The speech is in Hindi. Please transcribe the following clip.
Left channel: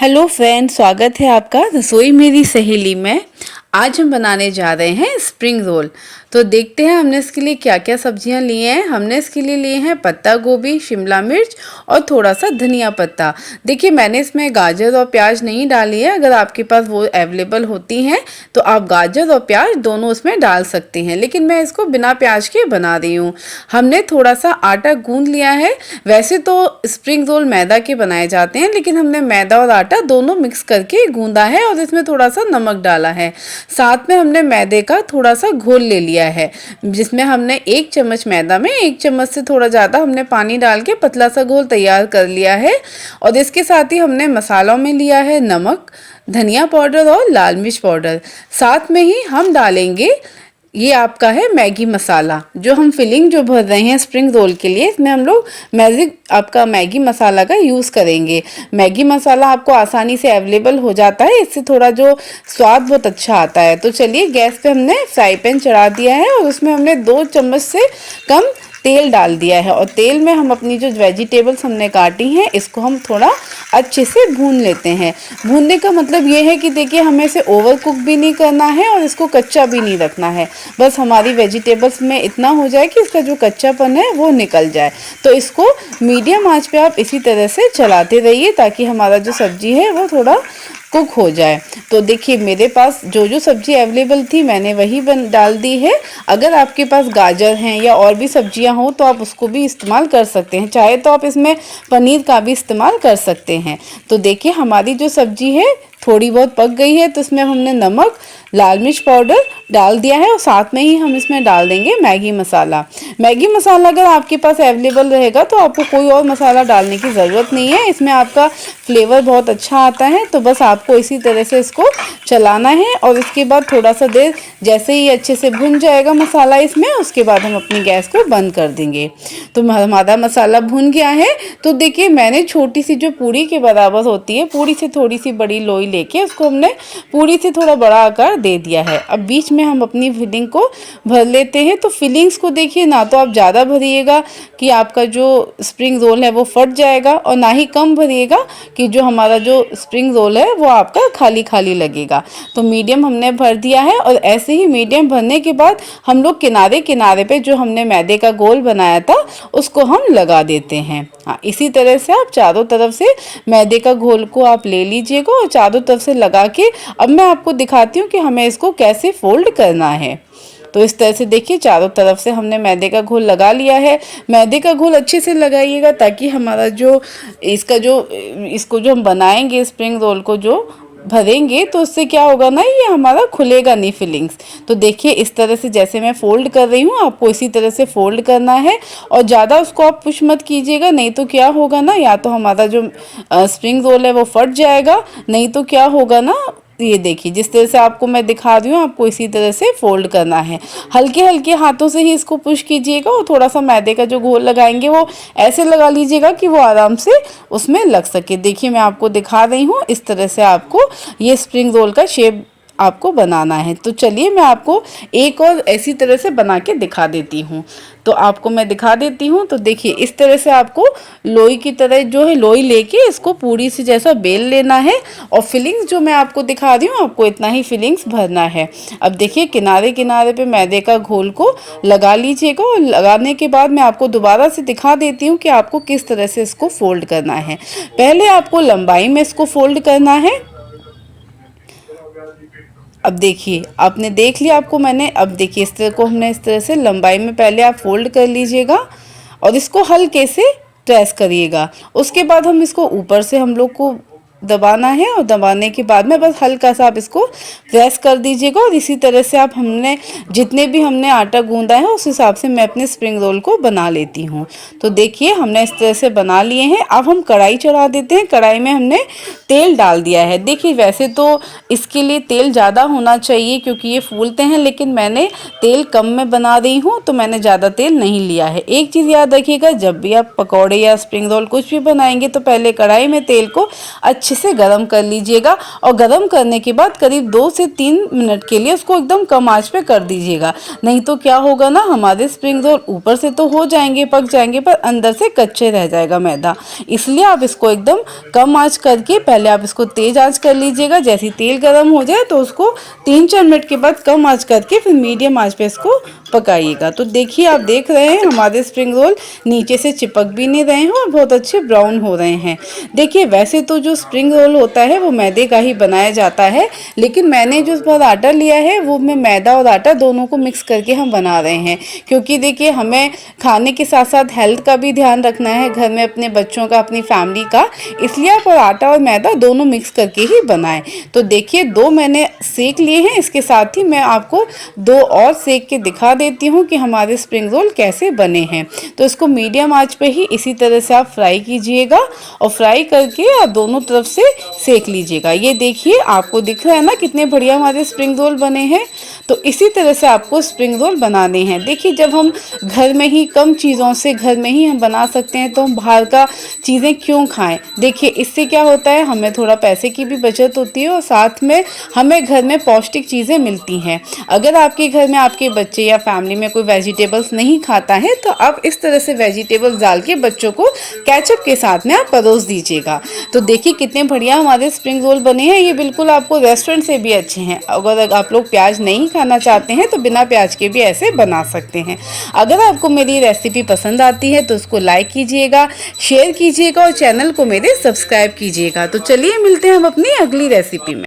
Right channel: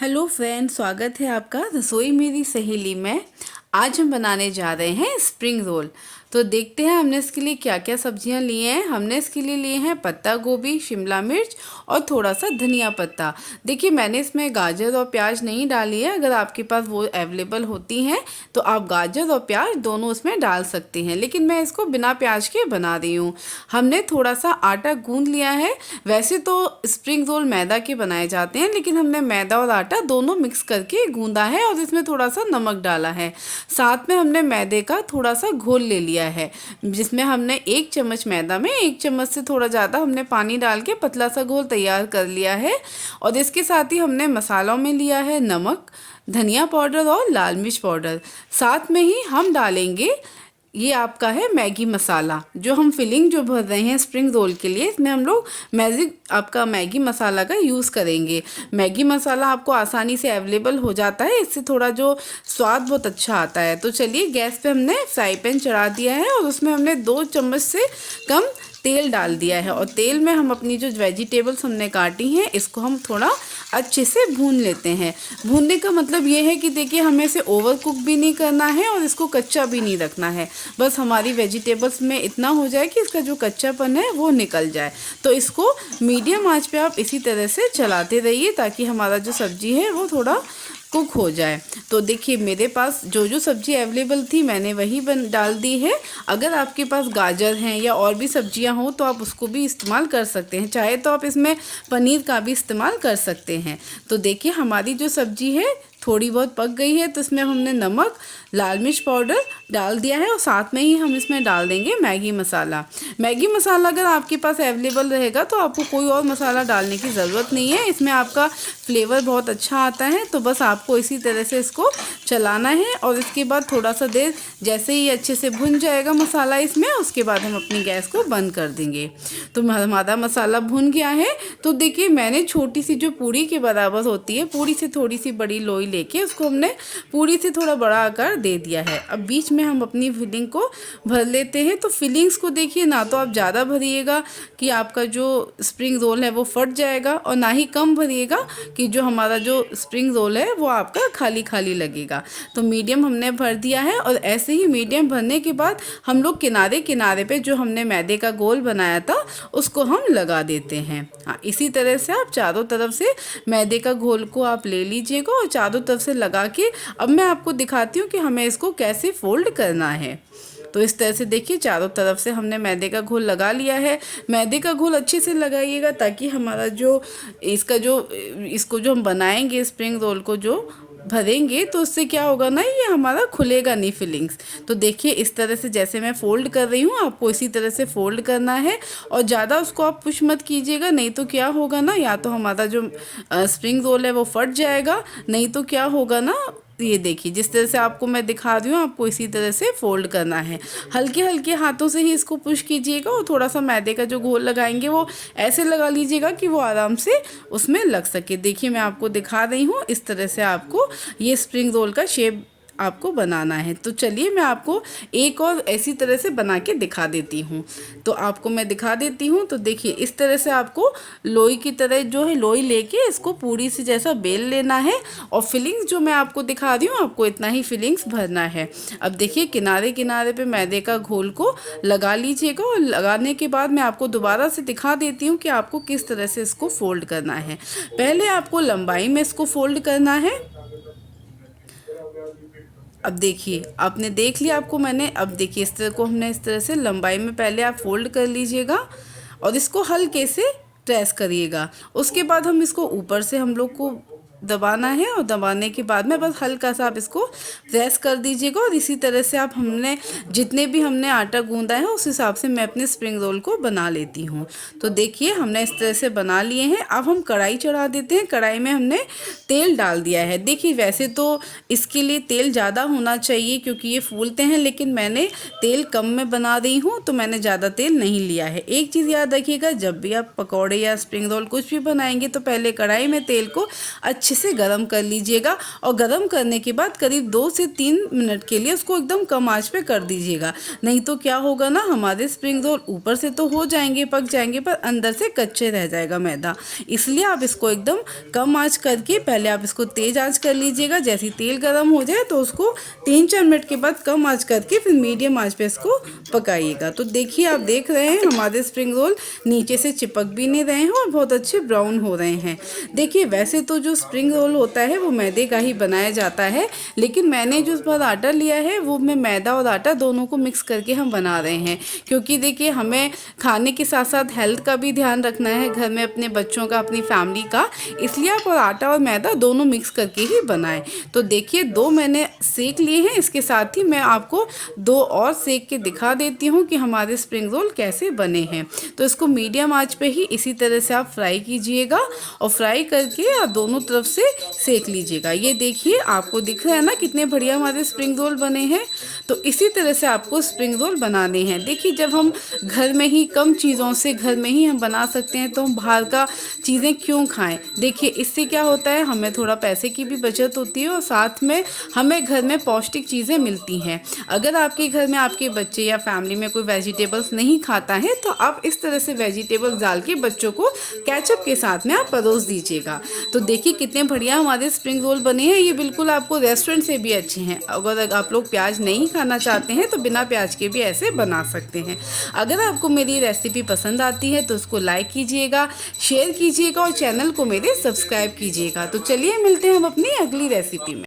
हेलो फ्रेंड, स्वागत है आपका रसोई मेरी सहेली में। आज हम बनाने जा रहे हैं स्प्रिंग रोल। तो देखते हैं हमने इसके लिए क्या क्या सब्जियां ली हैं। हमने इसके लिए लिए हैं पत्ता गोभी, शिमला मिर्च और थोड़ा सा धनिया पत्ता। देखिए, मैंने इसमें गाजर और प्याज नहीं डाली है। अगर आपके पास वो अवेलेबल होती हैं तो आप गाजर और प्याज दोनों उसमें डाल सकते हैं, लेकिन मैं इसको बिना प्याज के बना रही हूँ। हमने थोड़ा सा आटा गूंद लिया है। वैसे तो स्प्रिंग रोल मैदा के बनाए जाते हैं, लेकिन हमने मैदा और आटा दोनों मिक्स करके गूंदा है और इसमें थोड़ा सा नमक डाला है। साथ में हमने मैदे का थोड़ा सा घोल ले लिया है, जिसमें हमने 1 चम्मच मैदा में 1 चम्मच से थोड़ा ज़्यादा हमने पानी डाल के पतला सा घोल तैयार कर लिया है। और इसके साथ ही हमने मसालों में लिया है नमक, धनिया पाउडर और लाल मिर्च पाउडर। साथ में ही हम डालेंगे ये आपका है मैगी मसाला। जो हम फिलिंग जो भर रहे हैं स्प्रिंग रोल के लिए, इसमें हम लोग मैगी मसाला का यूज़ करेंगे। मैगी मसाला आपको आसानी से अवेलेबल हो जाता है, इससे थोड़ा जो स्वाद बहुत अच्छा आता है। तो चलिए, गैस पे हमने फ्राई पैन चढ़ा दिया है और उसमें हमने 2 चम्मच से कम तेल डाल दिया है। और तेल में हम अपनी जो वेजिटेबल्स हमने काटी हैं इसको हम थोड़ा अच्छे से भून लेते हैं। भूनने का मतलब ये है कि देखिए, हमें इसे ओवर कुक भी नहीं करना है और इसको कच्चा भी नहीं रखना है। बस हमारी वेजिटेबल्स में इतना हो जाए कि इसका जो कच्चापन है वो निकल जाए। तो इसको मीडियम आंच पे आप इसी तरह से चलाते रहिए ताकि हमारा जो सब्जी है वो थोड़ा कुक हो जाए। तो देखिए, मेरे पास जो जो सब्जी अवेलेबल थी मैंने वही डाल दी है। अगर आपके पास गाजर हैं या और भी सब्जियां हो तो आप उसको भी इस्तेमाल कर सकते हैं। चाहे तो आप इसमें पनीर का भी इस्तेमाल कर सकते हैं। तो देखिए, हमारी जो सब्जी है थोड़ी बहुत पक गई है, तो इसमें हमने नमक, लाल मिर्च पाउडर डाल दिया है और साथ में ही हम इसमें डाल देंगे मैगी मसाला। मैगी मसाला अगर आपके पास अवेलेबल रहेगा तो आपको कोई और मसाला डालने की ज़रूरत नहीं है। इसमें आपका फ्लेवर बहुत अच्छा आता है। तो बस आपको इसी तरह से इसको चलाना है और इसके बाद थोड़ा सा देर जैसे ही अच्छे से भुन जाएगा मसाला इसमें, उसके बाद हम अपनी गैस को बंद कर देंगे। तो हमारा मसाला भुन गया है। तो देखिए, मैंने छोटी सी जो पूड़ी के बराबर होती है, पूड़ी से थोड़ी सी बड़ी लोई लेके उसको हमने पूड़ी से थोड़ा बड़ा आकार दे दिया है। अब बीच में हम अपनी फिलिंग को भर लेते हैं। तो फिलिंग्स को देखिए, ना तो आप ज़्यादा भरिएगा कि आपका जो स्प्रिंग रोल है वो फट जाएगा, और ना ही कम भरिएगा कि जो हमारा जो स्प्रिंग रोल है वो आपका खाली खाली लगेगा। तो मीडियम हमने भर दिया है। और ऐसे ही मीडियम भरने के बाद हम लोग किनारे किनारे पे जो हमने मैदे का गोल बनाया था उसको हम लगा देते हैं। हाँ, इसी तरह से आप चारों तरफ से मैदे का घोल को आप ले लीजिएगा और चारों तरफ से लगा के अब मैं आपको दिखाती हूँ कि हमें इसको कैसे फोल्ड करना है। तो इस तरह से देखिए, चारों तरफ से हमने मैदे का घोल लगा लिया है। मैदे का घोल अच्छे से लगाइएगा ताकि हमारा जो इसको जो हम बनाएंगे स्प्रिंग रोल को जो भरेंगे तो उससे क्या होगा ना, ये हमारा खुलेगा नहीं फिलिंग्स। तो देखिए, इस तरह से जैसे मैं फोल्ड कर रही हूँ आपको इसी तरह से फोल्ड करना है। और ज़्यादा उसको आप पुश मत कीजिएगा, नहीं तो क्या होगा ना, या तो हमारा जो स्प्रिंग रोल है वो फट जाएगा, नहीं तो क्या होगा ना, ये देखिए जिस तरह से आपको मैं दिखा रही हूँ आपको इसी तरह से फोल्ड करना है। हल्के हल्के हाथों से ही इसको पुश कीजिएगा और थोड़ा सा मैदे का जो घोल लगाएंगे वो ऐसे लगा लीजिएगा कि वो आराम से उसमें लग सके। देखिए, मैं आपको दिखा रही हूँ, इस तरह से आपको ये स्प्रिंग रोल का शेप आपको बनाना है। तो चलिए, मैं आपको एक और ऐसी तरह से बना के दिखा देती हूँ। तो आपको मैं दिखा देती हूँ। तो देखिए, इस तरह से आपको लोई की तरह जो है लोई लेके इसको पूरी से जैसा बेल लेना है। और फिलिंग्स जो मैं आपको दिखा रही हूँ आपको इतना ही फिलिंग्स भरना है। अब देखिए, किनारे किनारे पे मैदे का घोल को लगा लीजिएगा और लगाने के बाद मैं आपको दोबारा से दिखा देती हूँ कि आपको किस तरह से इसको फोल्ड करना है। पहले आपको लंबाई में इसको फोल्ड करना है। अब देखिए, आपने देख लिया, आपको मैंने अब देखिए इस तरह को हमने इस तरह से लंबाई में पहले आप फोल्ड कर लीजिएगा और इसको हल्के से प्रेस करिएगा। उसके बाद हम इसको ऊपर से हम लोग को दबाना है और दबाने के बाद में बस हल्का सा आप इसको प्रेस कर दीजिएगा। और इसी तरह से आप हमने जितने भी हमने आटा गूंदा है उस हिसाब से मैं अपने स्प्रिंग रोल को बना लेती हूँ। तो देखिए, हमने इस तरह से बना लिए हैं। अब हम कढ़ाई चढ़ा देते हैं। कढ़ाई में हमने तेल डाल दिया है। देखिए, वैसे तो इसके लिए तेल ज़्यादा होना चाहिए क्योंकि ये फूलते हैं, लेकिन मैंने तेल कम में बना रही हूँ तो मैंने ज़्यादा तेल नहीं लिया है। एक चीज़ याद रखिएगा, जब भी आप पकौड़े या स्प्रिंग रोल कुछ भी बनाएंगे तो पहले कढ़ाई में तेल को अच्छे अच्छे से गरम कर लीजिएगा और गरम करने के बाद करीब 2 से 3 मिनट के लिए उसको एकदम कम आंच पे कर दीजिएगा। नहीं तो क्या होगा ना, हमारे स्प्रिंग रोल ऊपर से तो हो जाएंगे, पक जाएंगे, पर अंदर से कच्चे रह जाएगा मैदा। इसलिए आप इसको एकदम कम आंच करके पहले आप इसको तेज आंच कर लीजिएगा। जैसे ही तेल गर्म हो जाए तो उसको 3-4 मिनट के बाद कम आंच करके फिर मीडियम आंच पे इसको पकाइएगा। तो देखिए, आप देख रहे हैं हमारे स्प्रिंग रोल नीचे से चिपक भी नहीं रहे हैं और बहुत अच्छे ब्राउन हो रहे हैं। देखिए, वैसे तो जो स्प्रिंग रोल होता है वो मैदे का ही बनाया जाता है, लेकिन मैंने जो इस बार आटा लिया है वो मैं मैदा और आटा दोनों को मिक्स करके हम बना रहे हैं। क्योंकि देखिए, हमें खाने के साथ साथ हेल्थ का भी ध्यान रखना है घर में, अपने बच्चों का, अपनी फैमिली का, इसलिए आप आटा और मैदा दोनों मिक्स करके ही बनाएं। तो देखिए, 2 मैंने सेक लिए हैं, इसके साथ ही मैं आपको 2 और सेक के दिखा देती हूँ कि हमारे स्प्रिंग रोल कैसे बने हैं। तो इसको मीडियम आंच पे ही इसी तरह से आप फ्राई कीजिएगा और फ्राई करके आप दोनों तरफ से सेक लीजिएगा। ये देखिए, आपको दिख रहा है ना कितने बढ़िया हमारे स्प्रिंग रोल बने हैं। तो इसी तरह से आपको स्प्रिंग रोल बनाने हैं। देखिए, जब हम घर में ही कम चीज़ों से घर में ही हम बना सकते हैं तो हम बाहर का चीज़ें क्यों खाएं। देखिए, इससे क्या होता है, हमें थोड़ा पैसे की भी बचत होती है और साथ में हमें घर में पौष्टिक चीज़ें मिलती हैं। अगर आपके घर में आपके बच्चे या फैमिली में कोई वेजिटेबल्स नहीं खाता है तो आप इस तरह से वेजिटेबल्स डाल के बच्चों को केचप के साथ में आप परोस दीजिएगा। तो देखिए, कितने बढ़िया हमारे स्प्रिंग रोल बने हैं। ये बिल्कुल आपको रेस्टोरेंट से भी अच्छे हैं। अगर आप लोग प्याज नहीं खाना चाहते हैं तो बिना प्याज के भी ऐसे बना सकते हैं। अगर आपको मेरी रेसिपी पसंद आती है तो उसको लाइक कीजिएगा, शेयर कीजिएगा और चैनल को मेरे सब्सक्राइब कीजिएगा। तो चलिए, मिलते हैं हम अपनी अगली रेसिपी में।